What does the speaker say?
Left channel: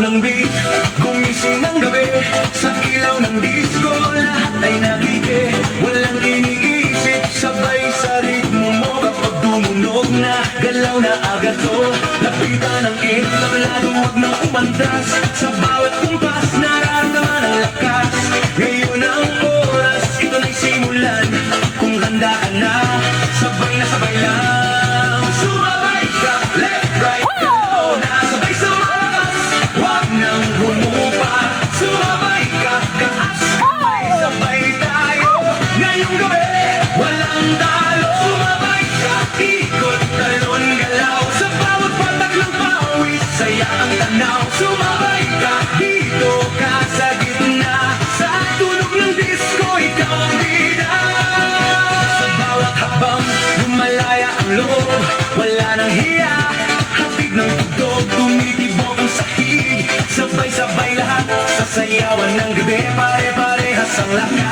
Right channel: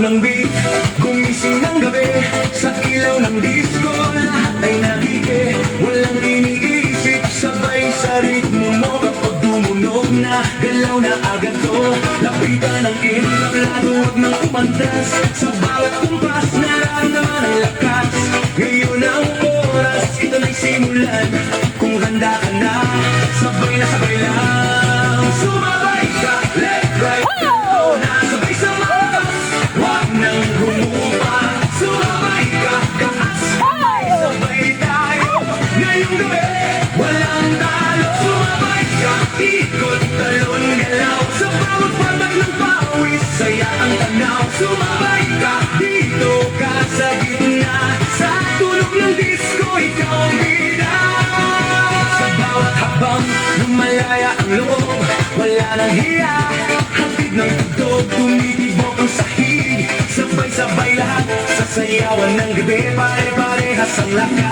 ng beat. Gumising ng gabi sa ilaw ng disco. Lahat ay nagiging walang iniisip. Sabay sa ritmo mo. Pag dumunog na, galaw na agad to. Lapitan ang entablado, huwag na umantas. Sa bawat kumpas, nararamdaman ang lakas. Ngayon ang oras, ito na'y simulan. Kung handa ka na, sabay na sabay lang. Sumabay ka, left, right, nasabay sa mouse. Huwag nang bumuka. Sumabay ka, sabay tayo. Ngayong gabi, walang talo. Sumabay ka, ikot, talon, galaw. Sa bawat patak ng pawis, saya ang tanaw. Sumabay ka, dito ka sa gitna. Sa tunog ng disco, ikaw ang bida. Sa bawat habang lumalaya ang loob, wala nang hiya. Hatid ng tugtog, tumitibok ang sahig. Sabay-sabay lahat sa sayawan ng gabi. Pare-parehas ang lakas.